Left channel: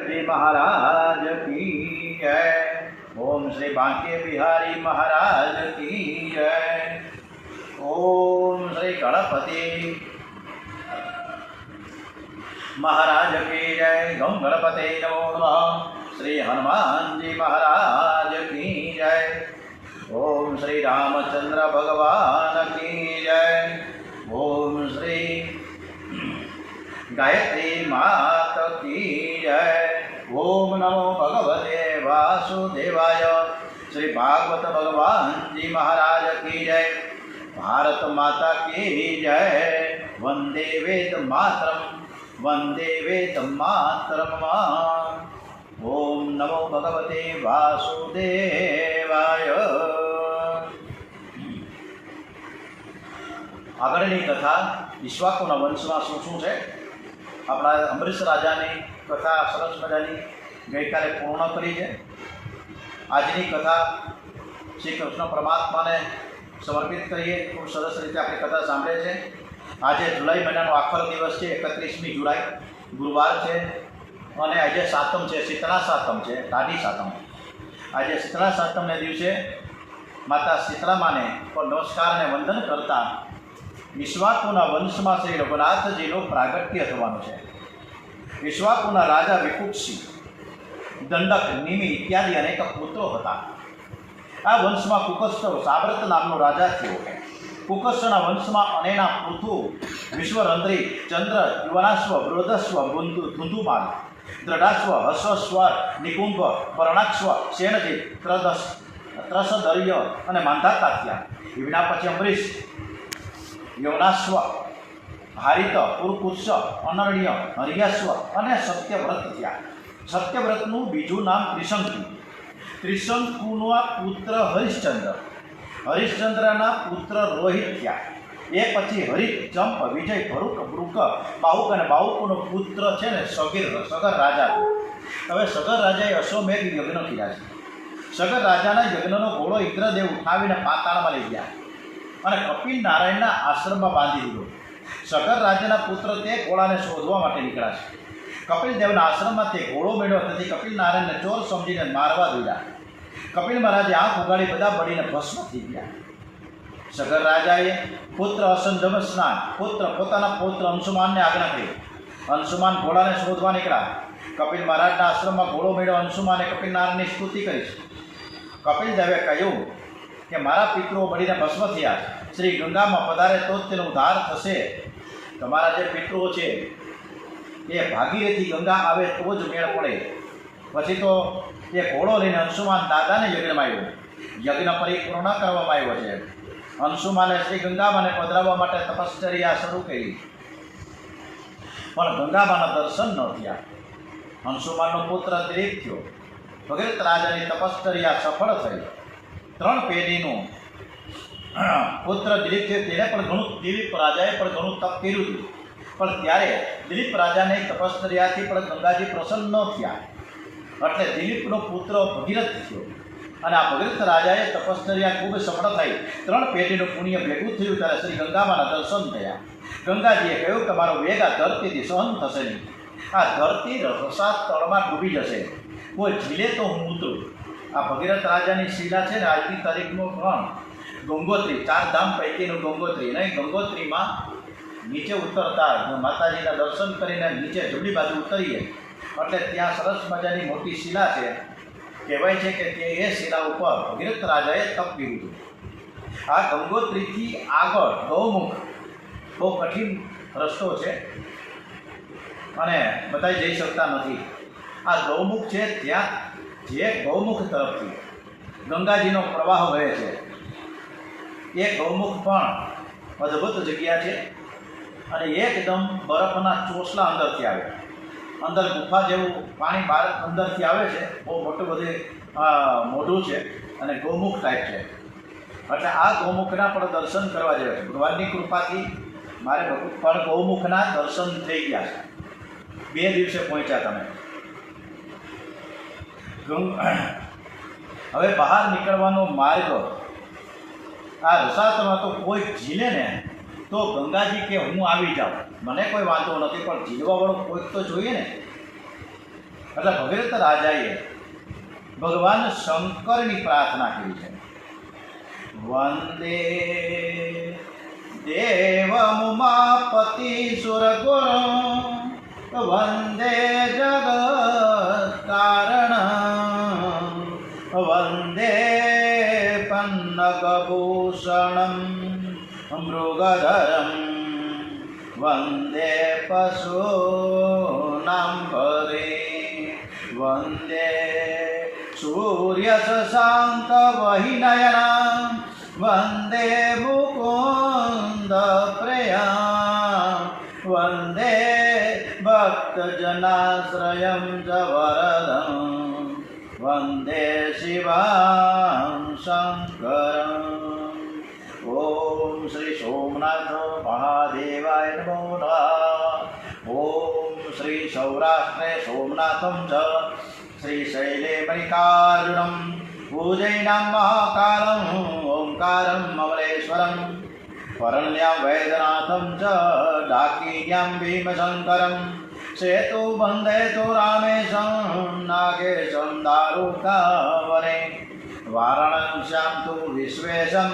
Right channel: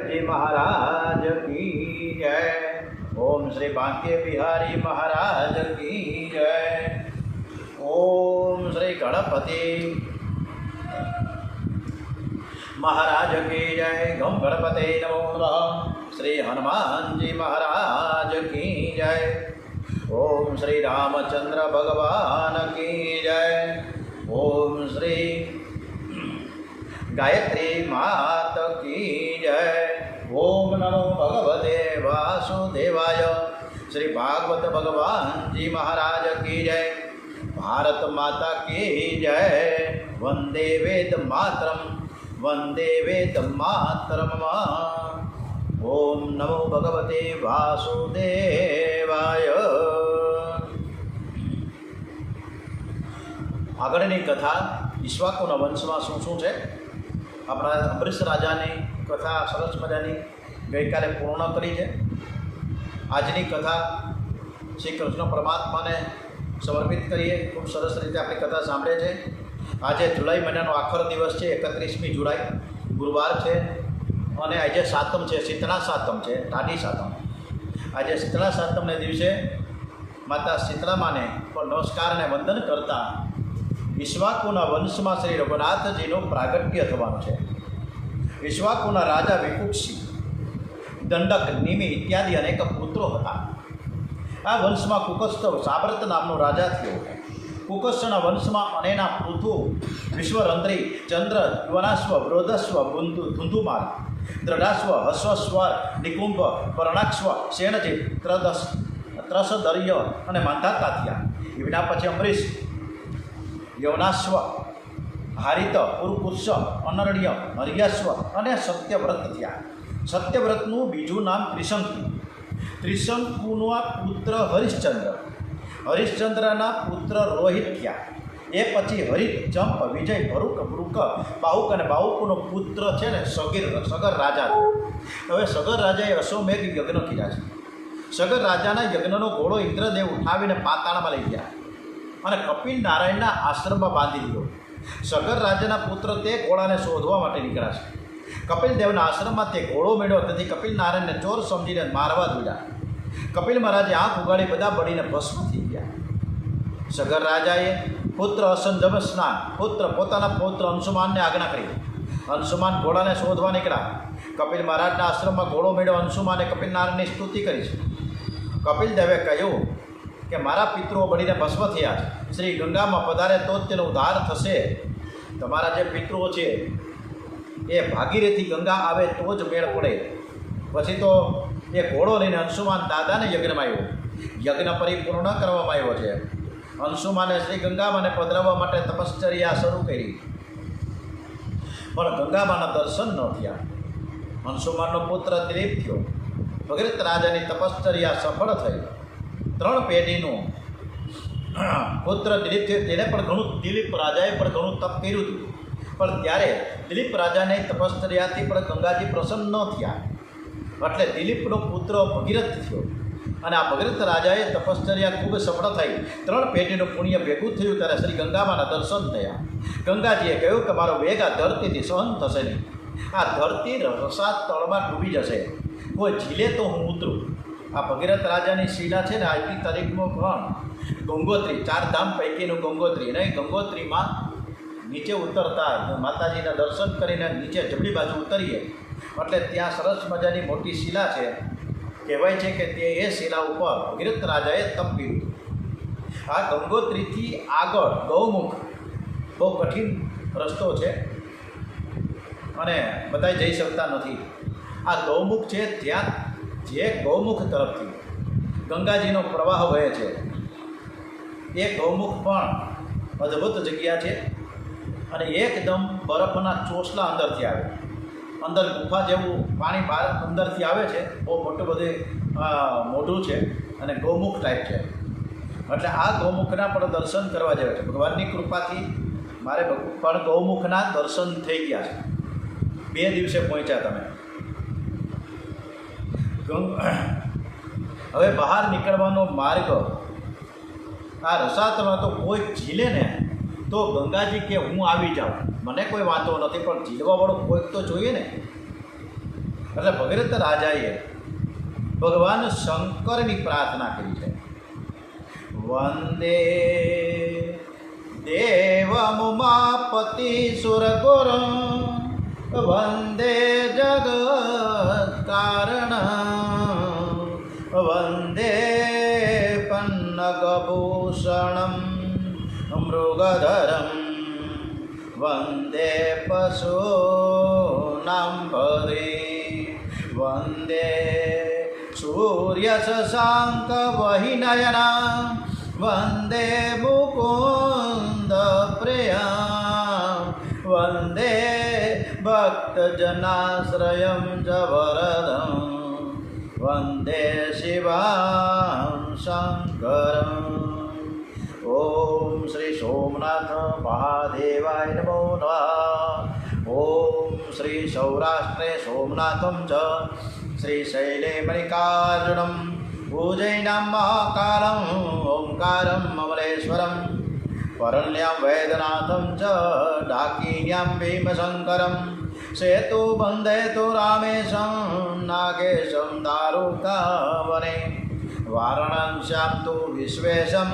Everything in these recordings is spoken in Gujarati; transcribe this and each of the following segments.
जी महाराज की जय। ओम श्री बांके बिहारी महाराज की जय। ओम श्री गणपति महाराज की जय। गम गणपते नमो नमः। श्री हनुमान जी महाराज की जय। ओम श्री रामचंद्र भगवान की जय। ओम श्री गायत्री मात की जय। ओम नमो भगवते वासुदेवाय। श्री भागवत भगवान जी महाराज की जय। भारत माता की जय। वंदे वेद मातरम वंदे वेद मातरम। ओम नमो भगवते वासुदेवाय। આગળની કથા ઈક્ષ્વાકુના વંશમાં શું શું છે, આપણા અંબરીશ રાજાની કથા સરસ મજાની ગઈકાલે પૂર્ણ કરી છે. આજની કથા શ્રી કૃષ્ણ પરમાત્માને સમર્પિત કરીએ. ખૂબ સરસ રીતે આપણે કથા સાંભળે છે. આજે જુલાઈ મહિનાનો આખર દિવસ છે, 31મી જુલાઈ ગુરુવાર છે અને આજે સાતમ છે, શીતળા સાતમ છે, ટાઢી સાતમ. આજે શીતળા સાતમને દિવસે માતા શીતળામાને પણ નમસ્કાર અને વંદન કરતા ઈક્ષ્વાકુના વંશમાં શ્રી રઘુનાથજીનું પ્રાગટ્ય થવાનું છે. ઈક્ષ્વાકુના રાજા વિકુક્ષી, દંડક, નિમિ ઇત્યાદિ અનેક પુત્રો હતા. આ વંશમાં કુકસ્થ સાબ્રત નામનો રાજા થયો. કુકસ્થના વંશમાં અનેના પૃથુ, વિશ્વરંદ્રી, ચંદ્ર, યુવનાશ્વ, વૃદ્ધસ્વ, ધુંધુમાન, દ્રઢાશ્વ, હસ્વસ્વર, નિકુંભ, પરણાક્ષવ, સેનજીત, ત્રસદર્ય અને માંધાતા થયા. એના પછી અંબરીશ, યવનાશ્વ, હારિત, પુરુકુત્સ, અનરણ્ય, હરિયાશ્વ અને સત્યવ્રત થયા. સત્યવ્રતનું બીજું નામ ત્રિશંકુ. ત્રિશંકુના પુત્ર હરિશ્ચંદ્ર, હરિશ્ચંદ્રના પુત્ર રોહિત થયા. એ પછી હરિત, ચંપ, વિજય, ભરૂક, બ્રુક, બાહુક અને બાહુકનો પુત્ર છે ને સગર રાજા. હવે સગર રાજાએ અશ્વમેઘ યજ્ઞ કર્યા છે. સગર રાજાના યજ્ઞનો ઘોડો ઇન્દ્રદેવ ઉઠાવીને પાતાળમાં લઈ ગયા અને કપિલ નારાયણના આશ્રમમાં બાંધી દીધો. સગર રાજાના પુત્ર તે ઘોડાને શોધવા માટે નીકળ્યા છે. કપિલદેવના આશ્રમમાં તે ઘોડો મેળ્યો, તેથી કપિલ નારાયણને ચોર સમજીને મારવા દીધા. કપિલ મહારાજે આંખ ઉગાડી બધા બળીને ભસ્મ થઈ ગયા. સગર રાજાએ પુત્ર અસંજમ સ્નાન પોતાના પુત્ર અંશુમાનને આજ્ઞા કરી. અંશુમાન ઘોડાને શોધવા નીકળ્યા. કપિલ મહારાજના આશ્રમમાં ઘોડો મેળ્યો. અંશુમાને કપિલ નારાયણની સ્તુતિ કરી છે. કપિલદેવે કહ્યું કે મારા પિતૃઓ બળીને ભસ્મ થયા છે. શ્રી ગંગામાં પધારે તો જ તેનો ઉદ્ધાર થશે. તમારા જે પિતૃઓ છે એ ભાગીરથી ગંગા આવે તો જ મેળ પડે. પછી તો એ ઘોડો લઈને અંશુમાન દાદાને યજ્ઞમાં આવ્યો. યજ્ઞ પરિપૂર્ણ કરવામાં આવ્યો છે. અંશુમાને શ્રી ગંગામાને પધરાવવા માટે તપશ્ચર્યા શરૂ કરી, પણ ગંગામાના દર્શન ન થયા. અંશુમાનનો પુત્ર દિલીપ થયો. ભગીરથ રાજાની તપશ્ચર્યા સફળ થઈ. 3 પેઢીનું પુત્ર દિલીપ થયો. દિલીપ રાજાએ પણ ઘણું તપ કર્યું હતું, પણ ત્યારે દિલીપ રાજાને તપશ્ચર્યાથી પણ ગંગાજી પ્રસન્ન ન થયા. એટલે દિલીપનો પુત્ર ભગીરથ થયો અને આ ભગીરથ રાજાએ તપશ્ચર્યા ખૂબ સફળ થઈ. 3 પેઢીનું પુણ્ય ભેગું થયું ત્યારે શ્રી ગંગામાના દર્શન થયા. ગંગાજીએ કહ્યું કે મારો વેગ આ ધરતીથી સહન થશે નહીં. આ ધરતી રસાદ તળમાં ડૂબી જશે. કોઈ ઝીલે તો હું ઉતરું. આ ભગીરથ રાજાની શિલા છે ને, આજની તારીખમાં પણ ગંગોત્રી, 4 ધામ પૈકીનું ગંગોત્રી નહીં, ગંગોત્રીમાં નીચે ઉતરતા માતાજીના દર્શન કરીને નીચે જમણી બાજુ ઉતરીએ એટલે ત્યાં સરસ મજાની મોટી શિલા છે. કહેવાય છે કે તે એ શિલા ઉપર ભગીરથ રાજાએ તપ કર્યું. આ ગંગોત્રીથી આગળ ગૌમુખ બહુ કઠિન રસ્તો છે અને બધા જઈ શકતા નથી. આ ગૌમુખ છે, ત્યાં જે ગૌમુખ તરફથી ગંગાજીનો પ્રવાહ વહે છે એ ગૌમુખ પણ અદ્ભુત જગ્યા છે અને એકદમ બરફના ચોસલા અંદરથી આવે. અંદર ગુફા જેવું પાણી બહાર અંદરથી આવે છે. બહુ મોટું બધું મોઢું છે અને ગૌમુખ ટાઈપ છે. એટલે આ ગૌમુખના પણ દર્શન કરવા જેવા છે. ભગવાનની કૃપાથી મારે પણ ગૌમુખના દર્શન થઈ ગયા છે. 2 દિવસે પહોંચ્યા તમે. હવે બહાર નીકળવાનો માર્ગ આ રસાતમાં તો કોઈ ઝીલે ને તો ગંગાજી કે હું આવી જાઉં, મને કોઈ વાંધો નથી, પણ ઝીલવાવાળો કોઈક તો જોઈએ ને. એટલે ભગીરથ રાજાએ ભગવાન શંકરની પ્રાર્થના કરી છે. વંદે દેવમુમાપતિ સુરગુર વંદે જગત્કારણ વંદે પન્નગભૂષણમ મૃગધરમ વંદે પશૂનાં પદે વંદે સૂર્યશશાંક વહિનયના વંદે મુકુંદ પ્રિયા વંદે ભક્તજનાશ્રયં ચ વરદં વંદે શિવાં શંકરં. ઓમ શ્રી સોમનાથ મહાદેવાય નમો નમઃ. ઓમ શ્રી સૌરાષ્ટ્રે સોમનાથમ ચ શ્રી શૈલે મલ્લિકાર્જુનમ ભુજૈનાં મહાકાલમ ઓંકારમ અમલેશ્વરમ પરણ્યાં વૈદ્યનાથમ ચ ડાકિન્યાં ભીમશંકરમ સેતુ બંધે તુ રામેશં નાગેશં દારુકાવને વારાણસ્યાં તુ વિશ્વેશં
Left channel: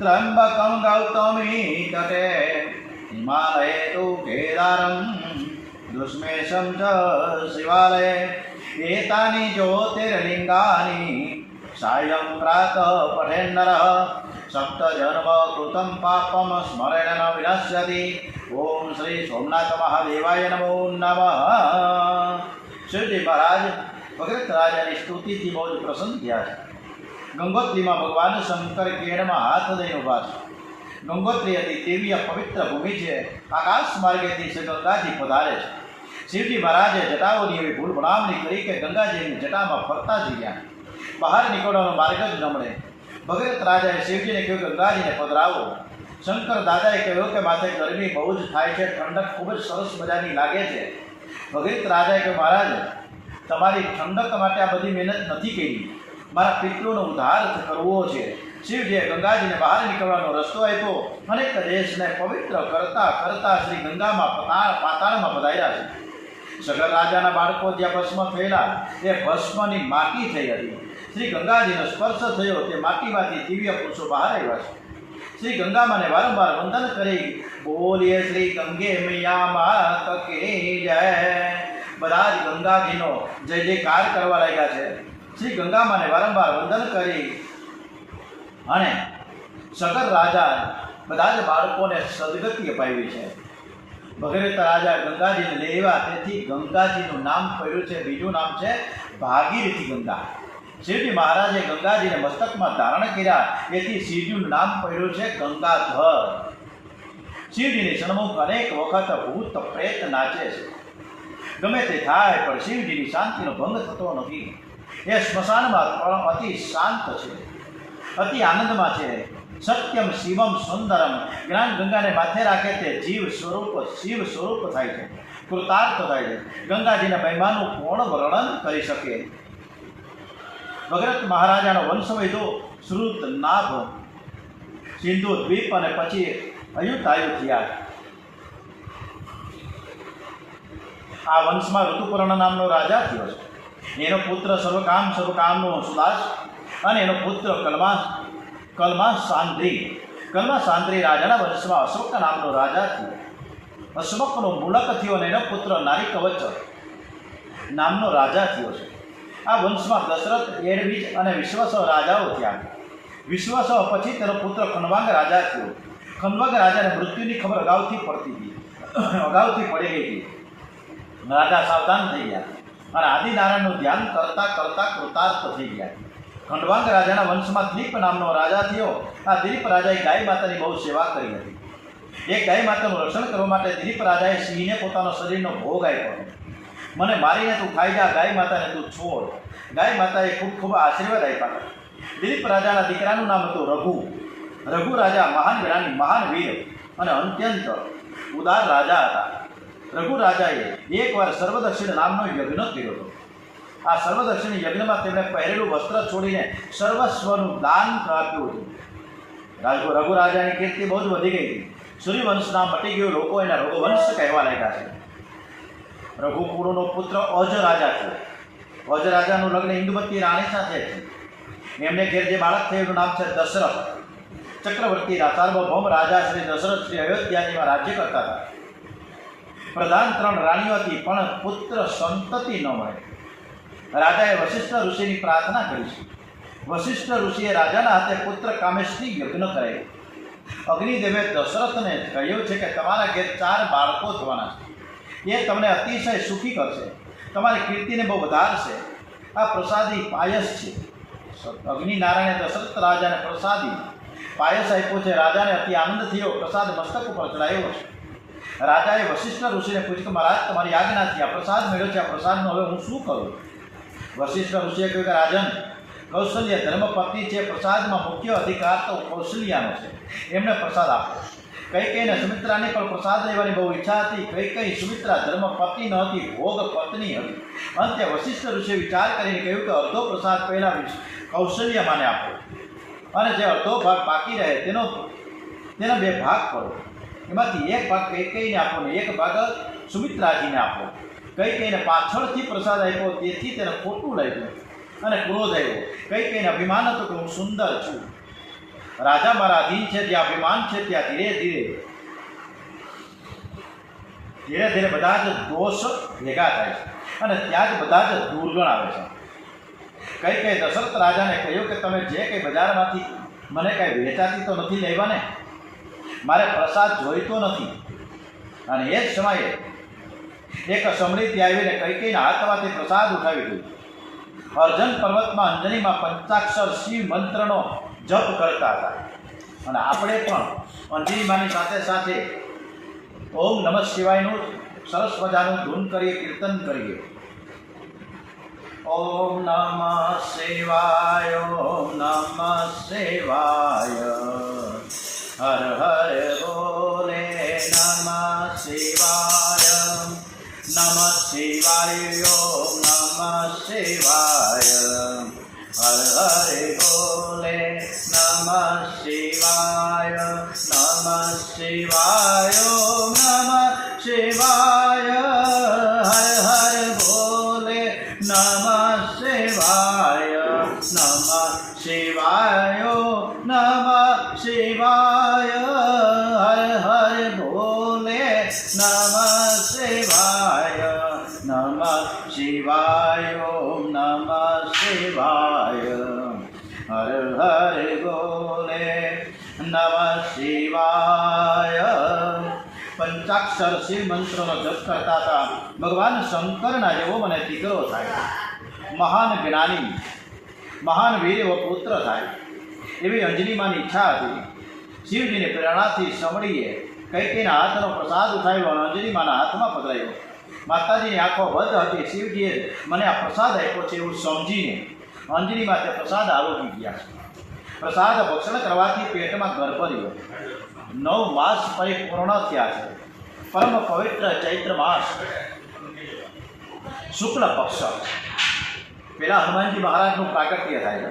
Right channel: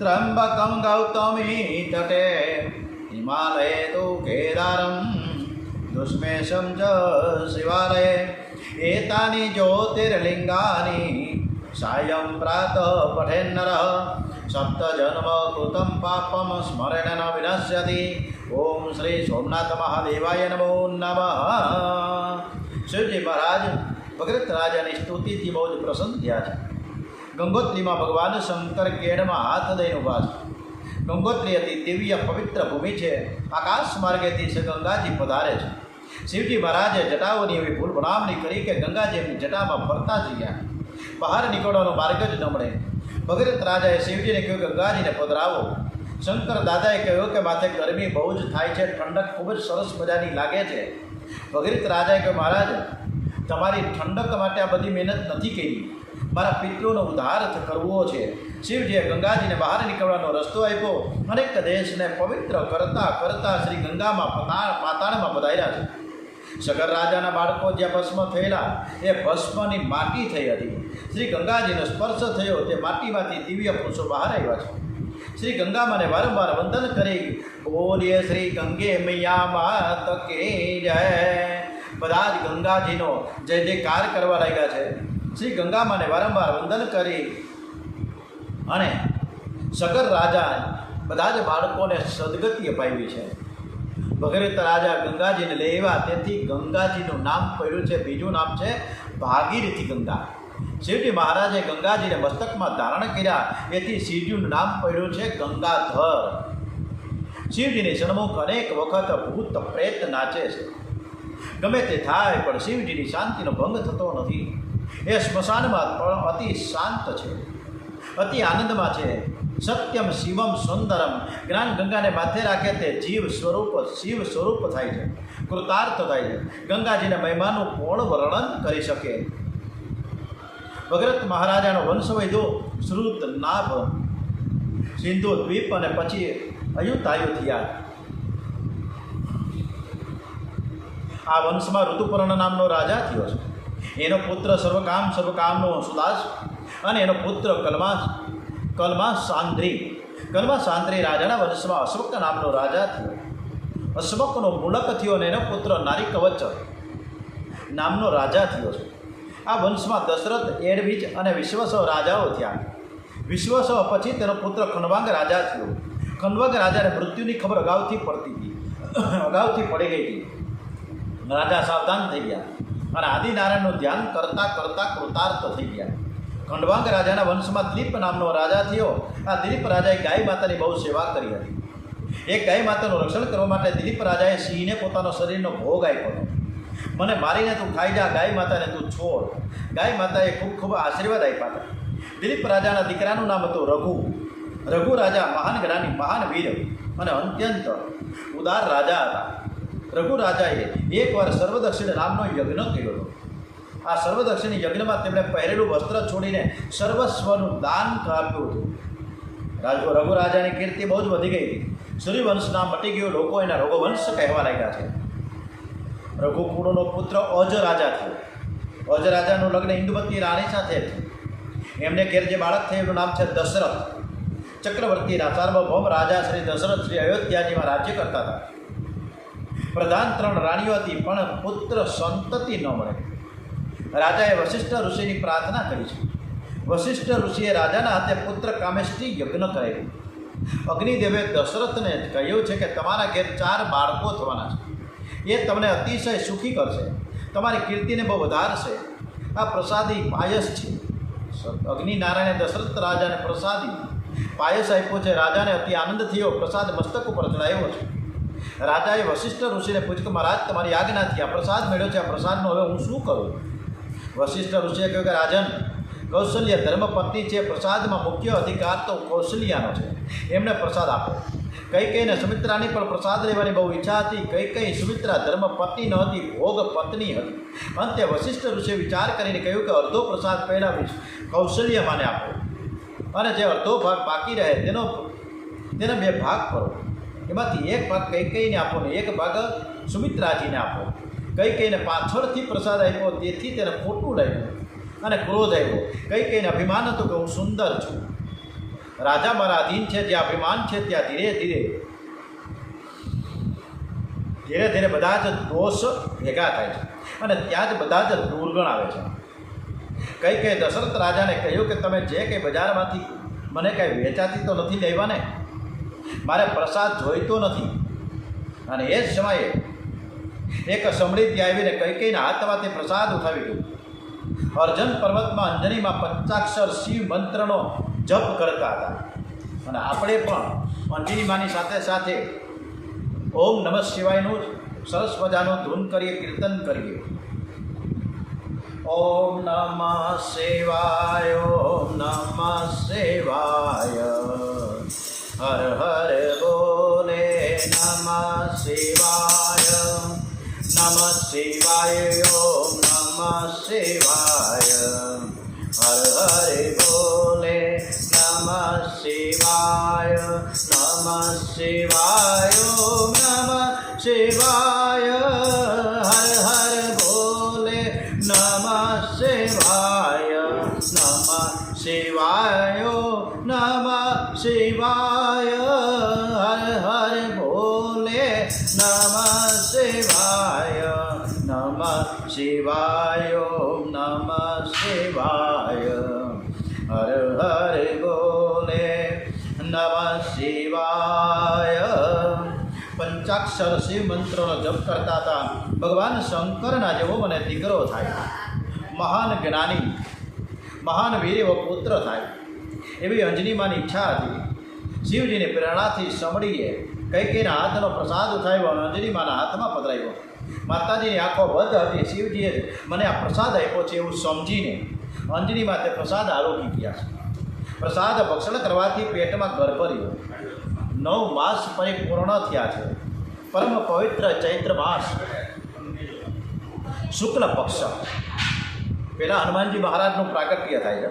ત્રંબકં ગૌતમી તટે હિમાલયે તુ કેદારં દુષ્મેશં ચ શિવાલયે એતાની જ્યોતિર્લિંગાની સાયં પ્રાતઃ પઠેન્નરઃ સપ્તજન્મ કૃतं પાપમ સ્મરેણ ન વિનશ્યતિ. ઓમ શ્રી સોમનાથ મહાદેવાય નમો નમઃ. શિવજી મહારાજ ભગીરથ રાજાની સ્તુતિથી બહુ જ પ્રસન્ન થયા છે. ગંગોત્રીમાં ભગવાન શંકર કેળમાં હાથ દઈને ઊભા છે. ગંગોત્રી હતી દિવ્ય પવિત્ર ભૂમિ છે. આકાશ માર્ગેથી છે ગંગાજી પધારે છે. શિવજી મહારાજે જટાઓની એવી ભૂલ બનાવની કરી કે ગંગાજીની જટામાં ફરતા જ ગયા. બહાર નીકળવાનો માર્ગ જ ન મળે. ભગીરથ રાજાએ શિવજીને કહ્યું કે ગંગાજીને પધરાવો. શંકર દાદાએ કહ્યું કે માથે ગરમી બહુ જ થાય છે, ઠંડક ખૂબ જ સરસ મજાની લાગે છે. ભગીરથ રાજાએ કહ્યું મહારાજ તમારી ઠંડક માટે આ બધી મહેનત નથી કરી, મારા પિતૃનો ઉદ્ધાર કરવો છે. શિવજીએ ગંગાજીને બહાર નીકળવાનો રસ્તો આપ્યો. અનેક દેશને પવિત્ર કરતા કરતા શ્રી ગંગામાં પાતાળમાં પધાર્યા છે. સગર રાજાના બાળકો જ્યાં ભસ્મ થયેલા એ ભસ્મની માટી થઈ હતી. શ્રી ગંગાજીનો સ્પર્શ થયો તે માટીમાંથી દિવ્ય પુરુષો બહાર આવ્યા છે. શ્રી ગંગામાને વારંવાર વંદન કરી બોલીએ શ્રી ગંગે મૈયા માત કી જય. બધા જ ગંગાજીનો જય જયકાર કરવા લાગ્યા છે. શ્રી ગંગામાને વારંવાર વંદન કરી અને સગર રાજા બધા જ બાળકોને સદગતિ અપાવી છે. ભગીરથ રાજા ગંગાજીને લેવા તેથી ગંગાજીનું નામ પડ્યું છે. બીજું નામ છે ભાગીરથી ગંગા. શિવજી મહારાજે ગંગાજીને મસ્તકમાં ધારણ કર્યા એથી શિવજીનું નામ પડ્યું છે ગંગાધર. શિવજીની સન્મુખ અનેક વખત ભૂત પ્રેત નાચે છે. ગમે તે થાય પણ શિવજીની શાંતિનો ભંગ થતો નથી. એ સ્મશાનમાં પણ અતિ શાંત છે, અતિ આનંદમાં છે. સત્યમ શિવમ સુંદરમ. જ્ઞાન ગંગાને માથે રાખે તે જીવ સ્વરૂપ શિવ સ્વરૂપ થાય છે, કૃતાર્થ થાય છે. ગંગાજીના મહિમાનું કોણ વર્ણન કરી શકે? ભગીરથ મહારાજાનો વંશ વધ્યો શ્રુત નાભ સિંધુ દ્વીપ અને પછી અયુતાયુ થયા. આ વંશમાં ઋતુપર્ણ નામનો રાજા થયો છે. એનો પુત્ર સર્વકામનો સુદાસ અને એનો પુત્ર કલ્માસાંદ્રી રાજાના વંશમાં અશોક નામનો રાજા થયો. અશોકનો મૂલક થયો અને એનો પુત્ર નારીકવચ નામનો રાજા થયો છે. આ વંશમાં દશરથ, એડવિજ અને વિશ્વસહ રાજાઓ થયા. વિશ્વસહ પછી તેનો પુત્ર ખંડવાંગ રાજા થયો. ખંડવાંગ રાજાને મૃત્યુની ખબર અગાઉથી પડી ગઈ હતી. રાજા સાવધાન થઈ ગયા અને આદિનારાયણનું ધ્યાન કરતાં કરતાં કૃતાર્થ થઈ ગયા. ખંડવાંગ રાજાના વંશમાં દિલીપ નામનો રાજા થયો. આ દિલીપ રાજાએ ગાય માતાની બહુ સેવા કરી હતી. એક ગાય માતાનું રક્ષણ કરવા માટે દિલીપ રાજાએ સિંહને પોતાનો શરીરનો ભોગ આપ્યો. મને મારીને તું ખાઈ જા, ગાય માતાને તું છોડ. ગાય માતાએ ખૂબ આશીર્વાદ આપ્યા હતા. દિલીપ રાજાના દીકરાનું નામ હતું રઘુ. રઘુ રાજા મહાન જ્ઞાની, મહાન વીર અને અત્યંત ઉદાર રાજા હતા. રઘુ રાજાએ એકવાર સર્વદક્ષિણ નામનો યજ્ઞ કર્યો હતો. આ સર્વદક્ષિણ યજ્ઞમાં તેમણે પહેરેલું વસ્ત્ર છોડીને સર્વસ્વનું દાન આપ્યું હતું. રઘુ રાજાની કીર્તિ બહુ જ વધી ગઈ હતી. સૂર્યવંશ નામ મટી ગયું. લોકો એના રઘુવંશ કહેવા લાગ્યા છે. રઘુકુળનો પુત્ર અજ રાજા થયો. અજ રાજાનું લગ્ન ઇન્દુમતી રાણી સાથે થયું. એમને ઘેર જે બાળક થયું એનું નામ છે દશરથ. ચક્રવર્તીના સાર્વભૌમ રાજા શ્રી દશરથ શ્રી અયોધ્યાજીમાં રાજ્ય કરતા હતા. પ્રધાન 3 રાણીઓ હતી, પણ પુત્ર સંતતિ ન મળે. રાજાએ વશિષ્ઠ ઋષિની પ્રાર્થના કરી છે. વશિષ્ઠ ઋષિએ રાજાના હાથે પુત્ર કામેષ્ટી યજ્ઞ કરાવ્યું. અગ્નિદેવે દશરથને કહ્યું છે કે તમારા ઘેર 4 બાળકો થવાના છે. એ તમને અતિશય સુખી કરશે, તમારી કીર્તિને બહુ વધારશે. આ પ્રસાદી પાયસ છે. અગ્નિનારાયણે દશરથ રાજાને પ્રસાદી પાયસ આપ્યો છે. રાજાને અતિ આનંદ થયો. પ્રસાદ મસ્તક ઉપર ચડાવ્યો છે. રાજાએ વશિષ્ઠ ઋષિને પૂછ્યું કે મહારાજ, તમારી આજ્ઞાથી આ પ્રસાદ મળ્યો છે, આ પ્રસાદનો હવે હું શું કરું? વશિષ્ઠ ઋષિએ કહ્યું કે રાજન, કૌશલ્ય ધર્મપત્ની છે. પ્રસાદમાં મુખ્ય અધિકાર તો કૌશલ્યાનો છે. એમને પ્રસાદ આપો. કૈકેયીને સુમિત્રાની પણ પ્રસાદ લેવાની બહુ ઈચ્છા હતી. કૈકેયી સુમિત્રા ધર્મપત્ની ન હતી, ભોગ પત્ની હતી. અંતે વશિષ્ઠ ઋષિએ વિચાર કરીને કહ્યું કે અડધો પ્રસાદ પહેલાં કૌશલ્યમાને આપો, અને જે અડધો ભાગ બાકી રહે તેના 2 ભાગ કરો. એમાંથી એક ભાગ કૈકેયીને આપો ને એક ભાગ સુમિત્રાજીને આપો. કૈકેયીને પાછળથી પ્રસાદ આપ્યો, તેથી તેને ખોટું લાગ્યું અને ક્રોધ આવ્યો. કૈકેયીને અભિમાન હતું કે હું સુંદર છું. રાજા મારા અધીન છે. જ્યાં અભિમાન છે ત્યાં ધીરે ધીરે બધા જ દોષ ભેગા થાય છે, અને ત્યાં જ બધા જ દુર્ગણ આવે છે. કૈકેયી દશરથ રાજાને કહ્યું કે તમે જે કંઈ બજારમાંથી મને કાંઈ વેચાતી તો નથી લેવા ને? મારે પ્રસાદ જોઈતો નથી. અને એ જ સમયે એક સમૃદ્ધિ આવીને કૈકેયીના હાથમાંથી પ્રસાદ ઉઠાવી ગયું. અર્જન પર્વતમાં અંજનીમાં પંચાક્ષર શિવ મંત્રનો જપ કરતા હતા. અને આપણે પણ અંજનીમાની સાથે સાથે ઓમ નમઃ શિવાયનું સરસ મજાનું ધૂન કરીએ, કીર્તન કરીએ. ઓમ નમઃ શિવાય, ઓમ નમઃ શિવાય, હર હર બોલે નમઃ શિવાય, નમઃ શિવાય, ઓમ નમઃ શિવાય, હર હર બોલે નમઃ શિવાય, નમઃ શિવાય, ઓમ નમઃ શિવાય, હર હર બોલે નમઃ શિવાય, નમઃ શિવાય, નમઃ શિવાય, હર હર બોલે નમઃ શિવાય, નમઃ શિવાય, નમઃ શિવાય, હર હર બોલે નમઃ શિવાય. પંચાક્ષર શિવ મંત્રનો જપ કરતા હતા. ભગવાન શંકરના જેવો મને દીકરો થાય, મહાન જ્ઞાની, મહાન વીર એવો પુત્ર થાય, એવી અંજનીમાની ઈચ્છા હતી. શિવજીની પ્રેરણાથી સમડીએ કૈકેયીના હાથનો પ્રસાદ ઉઠાવ્યો અને અંજનીમાના હાથમાં પધરાવ્યો. માતાજીની આંખો બંધ હતી. શિવજીએ મને આ પ્રસાદ આપ્યો છે એવું સમજીને અંજનીમાં તે પ્રસાદ આરોગી ગયા છે. પ્રસાદ ભક્ષણ કરવાથી પેટમાં ગર્ભ રહ્યો. 9 માસ પરિપૂર્ણ થયા છે. પરમ પવિત્ર ચૈત્ર માસ શુક્લ પક્ષ પહેલાં હનુમાનજી મહારાજનું પ્રાગટ્ય થાય છે,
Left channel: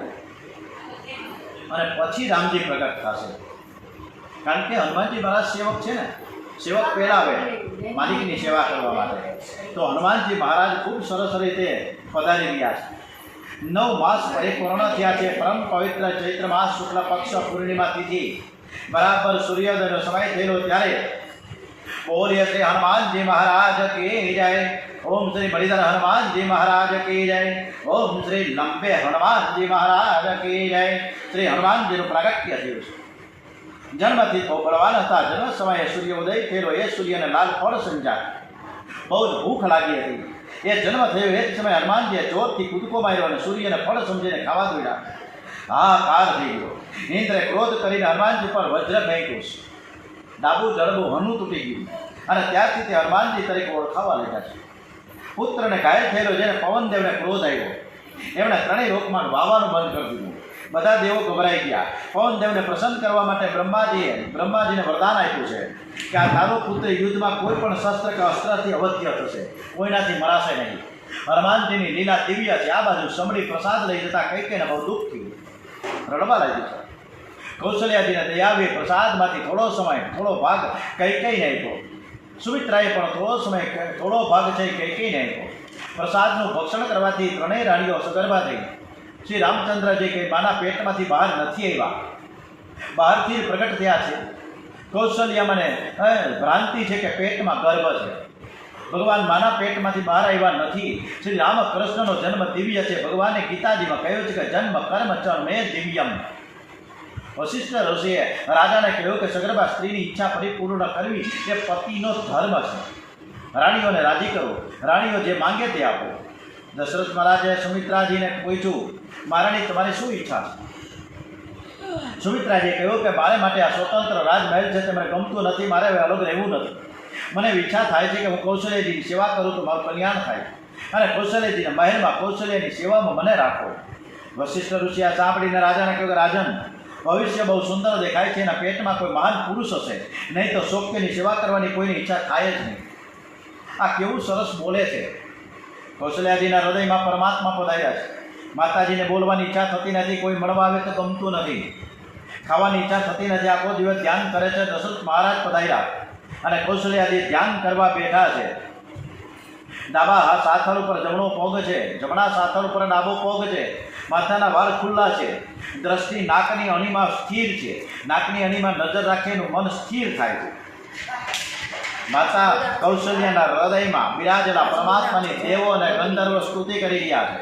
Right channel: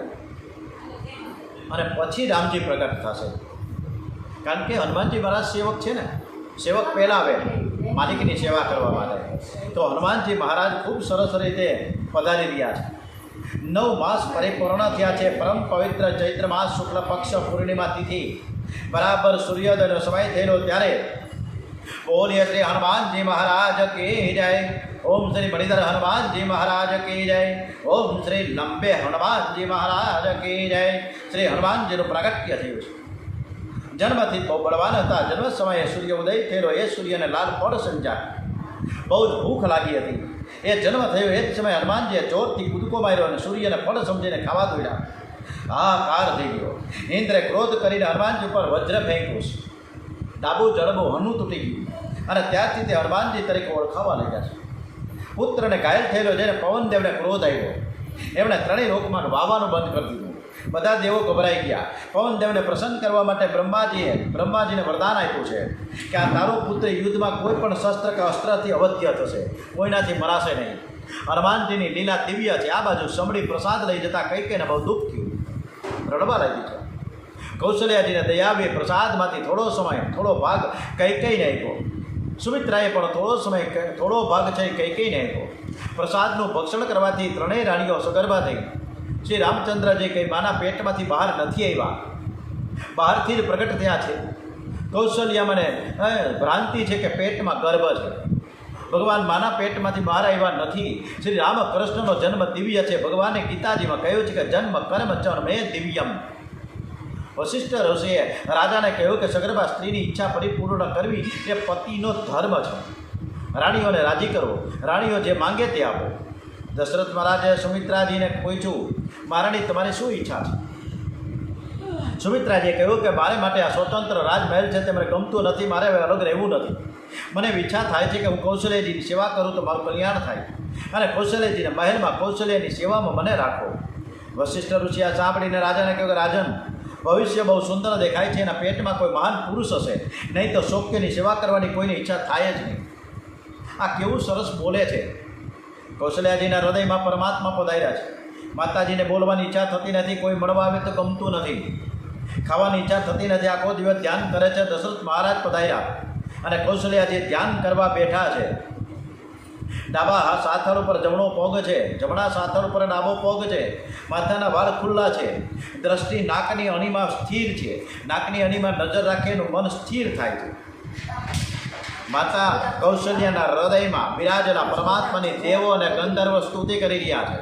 અને પછી રામજી પ્રગટ થશે. કારણ કે હનુમાનજી મહારાજ સેવક છે ને, સેવક પહેલાં આવે માલિકની સેવા કરવા માટે. તો હનુમાનજી મહારાજ ખૂબ સરસ રીતે પધારી રહ્યા છે. 9 માસ પરિપૂર્ણ થયા છે. પરમ પવિત્ર ચૈત્ર માસ શુક્લ પક્ષ પૂર્ણિમા તિથિ બરાબર સૂર્યોદયનો સમય થયેલો ત્યારે બોલીએ શ્રી હનુમાનજી મહારાજ કી જય. ઓમ શ્રી બળીધર હનુમાનજી મહારાજ કી જય. ઓમ શ્રી લંબે હનુમાનજી મહારાજ કી જય. શ્રી હનુમાનજીનું પ્રાગટ્ય થયું છે. જન્મથી બહુ બળવાન હતા. જન્મ સમયે સૂર્ય ઉદય થયેલો. એ સૂર્યને લાલ ફળ સમજ્યા. બહુ જ ભૂખ લાગી હતી. એ જન્મ થયો એ જ સમયે હનુમાનજીએ જોરથી કૂદકો માર્યો અને સૂર્યને ફળ સમજીને ખાવા દોડ્યા. હાહાકાર થઈ ગયો. ઇન્દ્રે ક્રોધ કરીને હનુમાનજી પર વજ્ર ફેંક્યું છે. ડાબું જડબું હનું તૂટી ગયું, અને ત્યારથી તે હનુમાનજી તરીકે ઓળખાવા લાગ્યા છે. પુત્રને ઘાયલ થયેલો જેને પવનદેવને ક્રોધ આવ્યો, એમણે 3 લોકમાં વાવાનું બંધ કરી દીધું. બધા દેવો ગભરાઈ ગયા. પવનદેવને પ્રસન્ન કરવા માટે બ્રહ્માજીને વરદાન આપ્યું છે કે આ તારો પુત્ર યુદ્ધમાં કોઈ પણ શસ્ત્ર કે અસ્ત્રથી અવધ્ય થશે, કોઈનાથી મરાશે નહીં. હનુમાનજીની લીલા દિવ્ય છે. આ બાજુ સમડી પ્રસાદ લઈ જતા કૈકેયીને બહુ દુઃખ થયું, રડવા લાગ્યું છે. કૌશલ્યાજીને દયાવીએ પ્રસાદમાંથી થોડો ભાગ કૈકેયીને આપ્યો. સુમિત્રાએ પણ થોડો ભાગ છે કૈકેયીને આપ્યો. પ્રસાદનું ભક્ષણ કરવાથી ત્રણેય રાણીઓ સગર્ભા થઈ. શ્રી રામચંદ્રજી કંઈ માના પેટમાંથી બહાર નથી આવ્યા, બહારથી જ પ્રગટ થયા છે. કૌશલ્યામને ભ્રાંતિ છે કે પેટમાં ગર્ભ છે. ભગવાન માના પેટમાંથી બહાર આવ્યા નથી. શ્રી રામકૃષ્ણનો જન્મ દિવ્ય છે. ભગવાને ગીતાજીમાં કહ્યું છે કે જન્મ કર્મ ચ મે દિવ્યમ. વશિષ્ઠ ઋષિએ રાજાને કહ્યું કે સગર્ભા સ્ત્રીની ઈચ્છા પરિપૂર્ણ કરવી એ પતિનો ધર્મ છે. રાણીઓને રાજી કરો, રાણીઓ જે માંગે તે આપો. દશરથ મહારાજે સુમિત્રાજીને પૂછ્યું, મહારાણી તમારી શું ઈચ્છા છે? સુમિત્રાજીએ કહ્યું કે મારે માટે આ સ્વતંત્ર રાજમહેલ છે તે મને ગમતું નથી, મારે હવે અલગ રહેવું નથી. મને ઈચ્છા થાય છે કે હું કૌશલ્યજીની સેવા કરું તો મારું કલ્યાણ થાય, અને કૌશલ્યજીના મહેલમાં કૌશલ્યની સેવામાં મને રાખો. વશિષ્ઠ ઋષિ આ સાંભળીને રાજાને કહ્યું કે રાજન, ભવિષ્ય બહુ સુંદર દેખાય છે. એના પેટમાં કોઈ મહાન પુરુષ હશે, નહીં તો શોક્યની સેવા કરવાની કોઈની ઈચ્છા થાય જ નહીં. આ કેવું સરસ બોલે છે. કૌશલ્યાજીના હૃદયમાં પરમાત્મા પધાર્યા છે. માતાજીને બોલવાની ઈચ્છા થતી નથી, કોઈ મળવા આવે તો ગમતું નથી, ખાવાની ઈચ્છા થતી નથી, આખો દિવસ ધ્યાન કરે છે. દશરથ મહારાજ પધાર્યા અને કૌશલ્યાજી ધ્યાન કરવા બેઠા છે. ડાબા સાથળ ઉપર જમણો પગ છે, જમણા સાથળ ઉપર ડાબો પગ છે. માથાના વાળ ખુલ્લા છે. દ્રષ્ટિ નાકની અણીમાં સ્થિર છે. નાકની અણીમાં નજર રાખે એનું મન સ્થિર થાય છે. માતા કૌશલ્યાના હૃદયમાં બિરાજેલા પરમાત્માની દેવો અને ગંધર્વો સ્તુતિ કરી રહ્યા છે.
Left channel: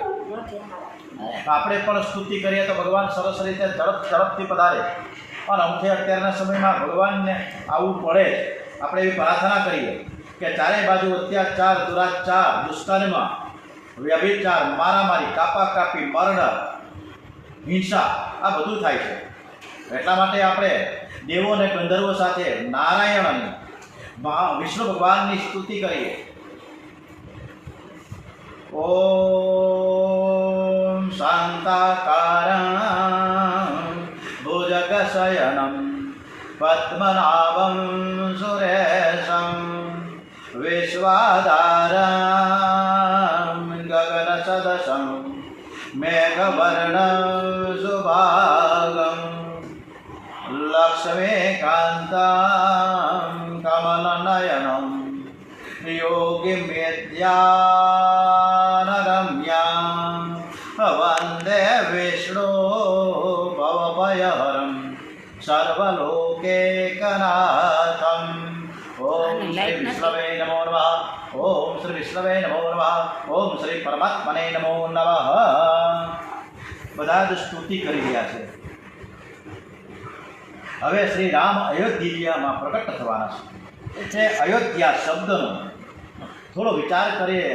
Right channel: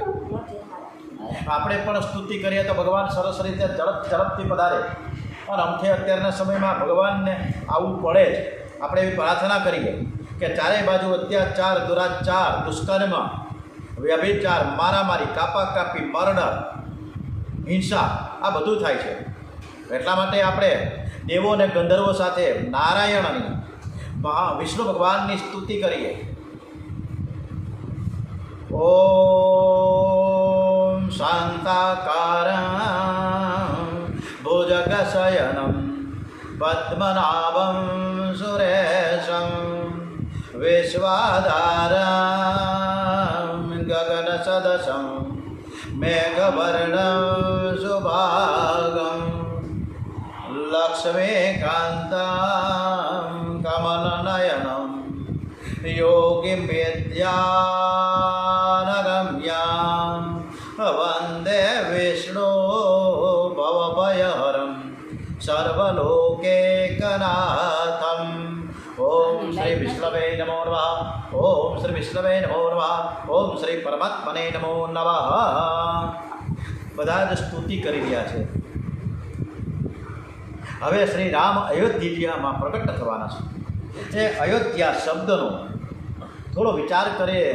આપણે પણ સ્તુતિ કરીએ તો ભગવાન સરસ રીતે ઝડપથી પધારે. અને અમથે અત્યારના સમયમાં ભગવાનને આવવું પડે. આપણે એવી પ્રાર્થના કરીએ કે ચારે બાજુ અત્યાચાર, દુરાચાર, દુષ્કર્મ, વ્યભિચાર, મારામારી, કાપાકાપી, મર્ડર, હિંસા આ બધું થાય છે. એટલા માટે આપણે દેવો અને ગંધર્વો સાથે નારાયણની વિષ્ણુ ભગવાનની સ્તુતિ કરીએ. ઓમ શાંતાકારં ભુજગશયનમ પદ્મનાભં સુરેશમ વિશ્વાધારં ગગનસદશં મેઘવર્ણં શુભાંગં લક્ષ્મીકાન્तं કમલનયनं યોગીમેધ્યાનગમ્યાં વંદે વિષ્ણુ ભવભયહરં સર્વલોકૈકનાથં. ઓમ શ્રી વિષ્ણવે નમો નમઃ. ઓમ શ્રી વિષ્ણવે નમો નમઃ. ઓમ શ્રી પરમાત્મને નમો નમઃ. બધા જ સ્તુતિ કરી રહ્યા છે. હવે શ્રી રામ અયોધ્યામાં પ્રગટ થવાના છે. એ અયોધ્યા શબ્દનો થોડો વિચાર કરીએ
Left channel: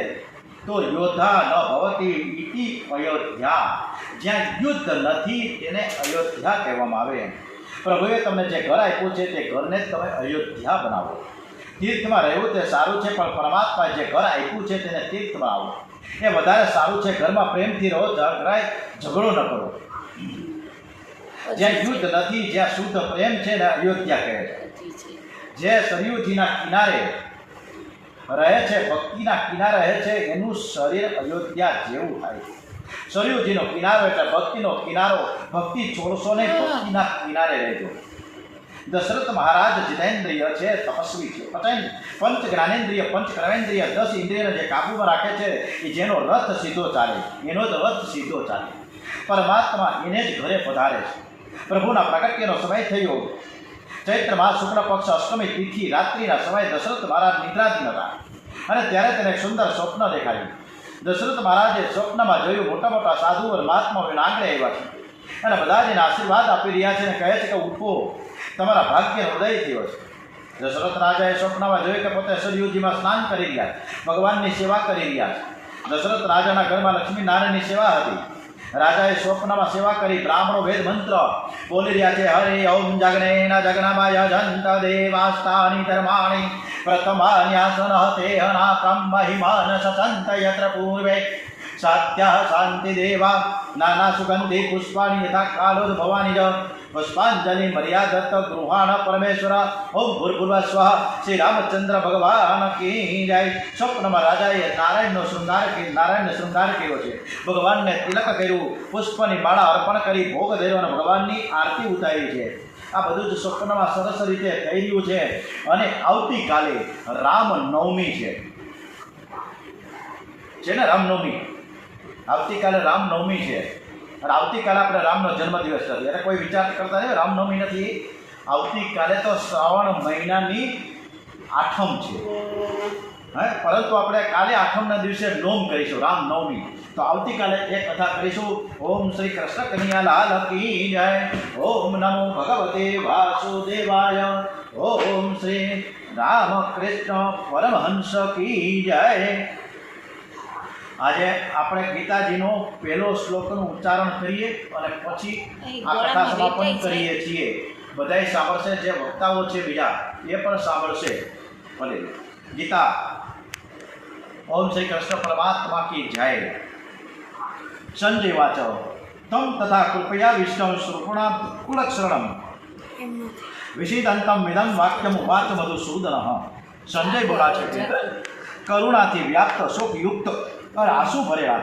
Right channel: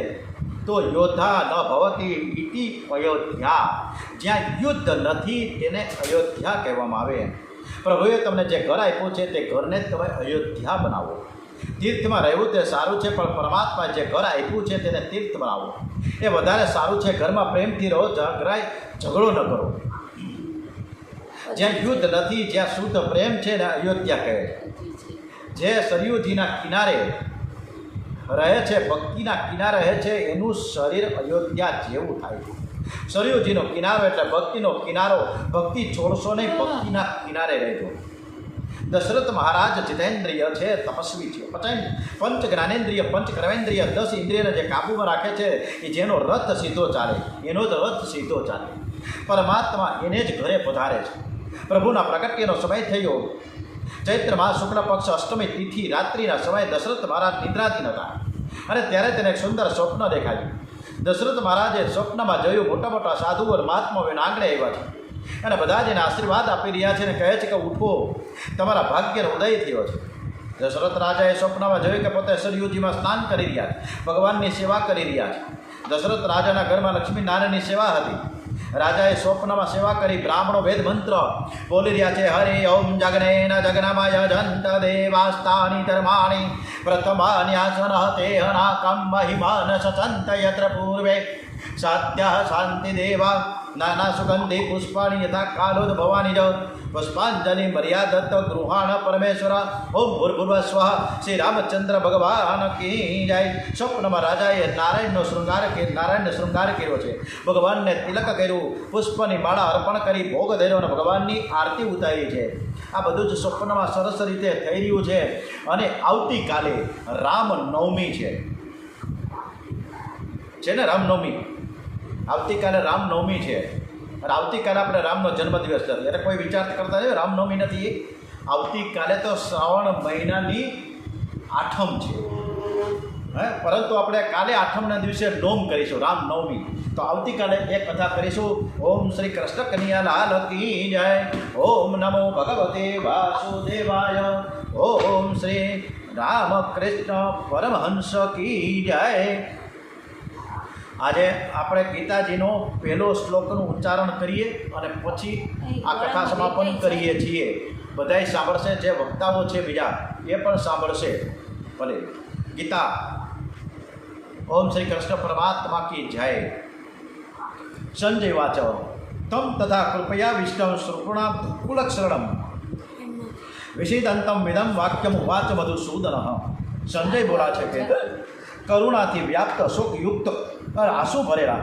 તો યોદ્ધા ન ભવતી ઇતિ અયોધ્યા. જ્યાં યુદ્ધ નથી તેને અયોધ્યા કહેવામાં આવે. પ્રભુએ તમને જે ઘર આપ્યું છે તે ઘરને જ તમે અયોધ્યા બનાવો. તીર્થમાં રહેવું તે સારું છે, પણ પરમાત્મા જે ઘર આપ્યું છે તેને તીર્થ બનાવો એ વધારે સારું છે. ઘરમાં પ્રેમથી રહો, ઝઘડો ન કરો. જ્યાં યુદ્ધ નથી, જ્યાં શુદ્ધ પ્રેમ છે ને અયોધ્યા કહે છે. જે સરયુજીના કિનારે રહે છે, ભક્તિના કિનારે રહે છે, એનું શરીર અયોધ્યા જેવું થાય છે. સરયુજીનો કિનારો એટલે ભક્તિનો કિનારો. ભક્તિ છોડશો નહીં, ભક્તિના કિનારે રહેજો. દશરથ મહારાજ જીતેન્દ્રિય છે, તપસ્વી છે. પંચ જ્ઞાનેન્દ્રિય, પંચ કર્મેન્દ્રિય, 10 ઇન્દ્રિયને જે કાબૂમાં રાખે છે એ જેનો રથ સીધો ચાલે, એનો જ રથ સીધો ચાલે. પરમાત્મા એને જ ઘરે પધારે છે. પ્રભુના પ્રગટ્યનો સમય થયો. ચૈત્ર માસ શુક્લ પક્ષ અષ્ટમી તિથિ રાત્રિના સમયે દશરથ મહારાજ નિદ્રાધીન હતા અને ત્યારે તેને એક સુંદર સ્વપ્ન દેખાયું. દશરથ મહારાજે સ્વપ્નમાં જોયું મોટા મોટા સાધુઓ અને મહાત્માઓના આંગણે આવ્યા છે અને બધા જ એને આશીર્વાદ આપી રહ્યા છે અને કહે છે કે ઉઠો, તમારા ભાગ્યનો ઉદય થયો છે. દશરથ રાજાએ સ્વપ્નમાં જોયું કે પોતે સરયુજીમાં સ્નાન કરી રહ્યા છે, ભગવાનની સેવા કરી રહ્યા છે. દશરથ રાજાના ઘરમાં લક્ષ્મી નારાયણની સેવા હતી. રાજાએ સ્વપ્નમાં સેવા કરી. બ્રાહ્મણો વેદ મંત્ર બોલી રહ્યા છે. હરિ ઓમ જગનેન જગનમય જંત દેવાસ્તાની ધર્માણી પ્રથમાન્યાસન તેહનાકમ મહિમાન સસંત યત્ર પૂર્વે સાત્યા શાંતિ દેવા નાના સુગંધી પુષ્પાણી યથા કાલોદ ભવાની જ પુષ્પાંજલિ મર્યાદત્ત ગૃહાણ પરમેશ્વર. ઓમ ભૂર્ભુવ સ્વઃ. શ્રી રામચંદ્ર ભગવાન કી જય. સ્વપ્નમાં રાજાએ નારાયણનો શૃંગાર કર્યો છે. ભગવાનને તિલક કર્યું, પુષ્પની માળા અર્પણ કરી ભોગ ધર્યો અને ભગવાનની આરતી ઉતારી છે. આ બધું જ સ્વપ્નમાં સરસ રીતે થઈ રહ્યું છે અને આવતીકાલે રામનવમી છે ને રામનવમી, આવતીકાલે રામનવમી છે અને આવતીકાલે આપણે રામનો જન્મદિવસ નથી એટલે કોઈ વિચાર કરતા નહીં રામનવમી નથી, આવતીકાલે તો શ્રાવણ મહિનાની આઠમ છે પરંતુ આપણે કાલે આઠમના દિવસે નોમ કરીશું રામનવમી, તો આવતીકાલે એક કથા કરીશું. ઓમ શ્રી કૃષ્ણ કનૈયા લાલ કી જય, ઓમ નમો ભગવતે વાસુદેવાય, ઓમ શ્રી રામકૃષ્ણ પરમહંસ કી જય. આજે આપણે ગીતાજીનો પહેલો શ્લોકનું ઉચ્ચારણ કરીએ અને પછી આ કથા સમાપન કરીએ છીએ. બધાય સાંભળશે, જે વક્તાઓ છે બીજા એ પણ સાંભળશે. ભલે ગીતા. ઓમ શ્રી કૃષ્ણ પરમાત્મા કી જય. સંજય વાચ તમ તથા કૃપયા વિષ્ણુ શ્રુપુણા કુલક્ષરણમ વિષિદંતમ વિદમ વાક્યમ ઉવાચ મધુસૂદન. સંજય બોલા છે કે કરુણાથી વ્યાપ્ત શોકયુક્ત અને આંસુ ભરેલા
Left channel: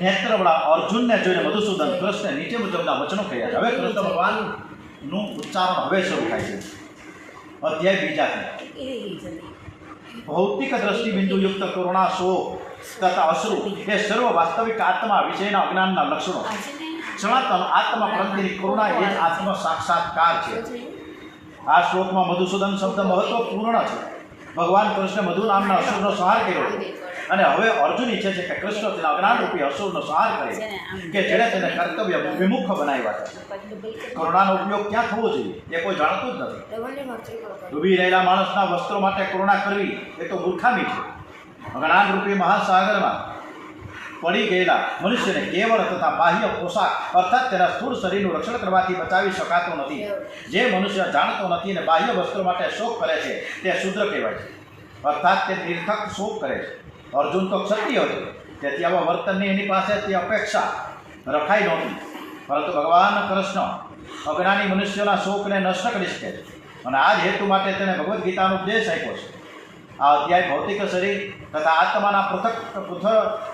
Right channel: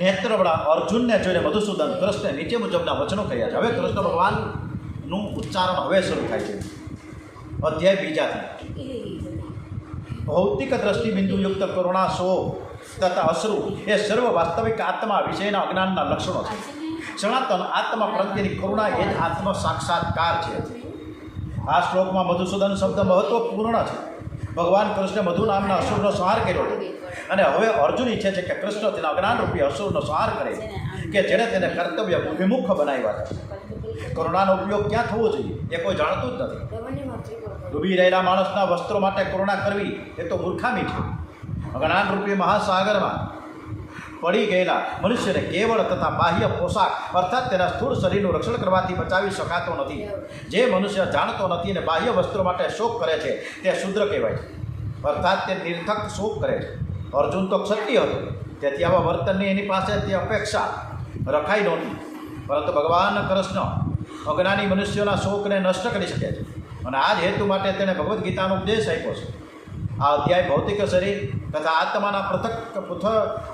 નેત્રવાળા અર્જુનને જોઈને મધુસૂદન કૃષ્ણ નીચે મુજબના વચનો કહ્યા છે. હવે કૃષ્ણ ભગવાનનું ઉચ્ચારણ હવે શરૂ થાય છે. અધ્યાય બીજાથી. ભૌતિક દ્રષ્ટિબિંદુયુક્ત કરુણા શોક તથા અશ્રુ એ સર્વ વાસ્તવિક આત્મા વિષયના અજ્ઞાનના લક્ષણો છે. સનાતન આત્મા પ્રત્યેની કરુણા એ જ આત્મ સાક્ષાત્કાર છે. આ શ્લોકમાં મધુસૂદન શબ્દ મહત્વપૂર્ણ છે. ભગવાન કૃષ્ણ મધુ નામના અસુરનો સંહાર કર્યો અને હવે અર્જુન ઈચ્છે છે કે કૃષ્ણ તેના અજ્ઞાનરૂપી અસુરનો સંહાર કરે કે જેણે તેને કર્તવ્ય વિમુખ બનાવ્યા છે. કરુણાનો ઉપયોગ ક્યાં થવો જોઈએ એ કોઈ જાણતું જ નથી. ડૂબી રહેલા માણસના વસ્ત્રો માટે કરુણા કરવી એ તો મૂર્ખામી છે. અજ્ઞાનરૂપી મહાસાગરમાં પડી ગયેલા મનુષ્યને કેવળ તથા બાહ્ય પોશાક અર્થાત તેના સ્થૂળ શરીરનું રક્ષણ કરવાથી બચાવી શકાતો નથી. જે મનુષ્ય જાણતો નથી અને બાહ્ય વસ્ત્રો માટે શોક કરે છે તે શુદ્ર કહેવાય છે, અર્થાત તે નિર્થક શોક કરે છે. અર્જુન તો ક્ષત્રિય હતો, તેથી આવા વર્તનની એની પાસે તે અપેક્ષા રખાઈ નહોતી. પરંતુ ભગવાન કૃષ્ણ અજ્ઞાની મનુષ્યોના શોકને નષ્ટ કરી શકે છે અને આ જ હેતુ માટે તેણે ભગવદ્ ગીતાનો ઉપદેશ આપ્યો છે. આ અધ્યાય ભૌતિક શરીર તથા આત્માના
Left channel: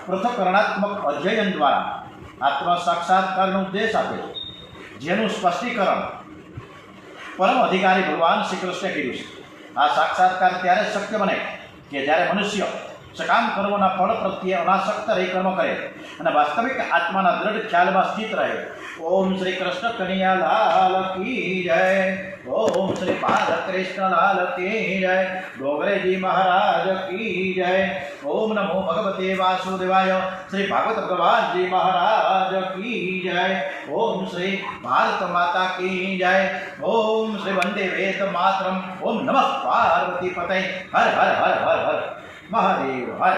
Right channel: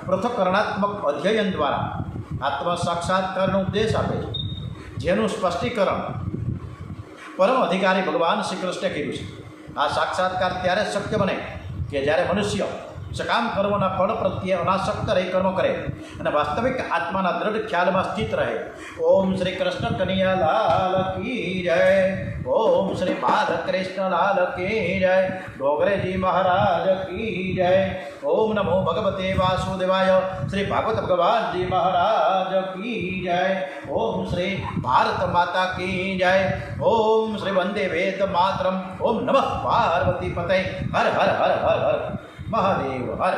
પૃથક્કરણાત્મક અધ્યયન દ્વારા આત્મ સાક્ષાત્કારનો ઉપદેશ આપે છે, જેનું સ્પષ્ટીકરણ પરમ અધિકારી ભગવાન શ્રી કૃષ્ણે કર્યું છે. આ સાક્ષાત્કાર ત્યારે શક્ય બને કે જ્યારે મનુષ્ય સકામ કર્મોના ફળ પ્રત્યે અનાસક્ત રહી કર્મ કરે અને વાસ્તવિક આત્માના દ્રઢ ખ્યાલમાં સ્થિત રહે. ઓમ શ્રી કૃષ્ણ કનૈયા લાલ કી જય. ઓમ શ્રી બાલકૃષ્ણ લાલ કી જય. ડોગરેજી મહારાજ કી જય. ઓમ નમો ભગવતે વાસુદેવાય. શ્રી ભાગવત ભગવાનજી મહારાજ કી જય. ઓમ શ્રી ભારત માતા કી જય. ઓમ શ્રી વંદે વેદ માતરમ. ઓમ નમઃ પાર્વતી પતય. હર હર હર હર હર મહાદેવ હર.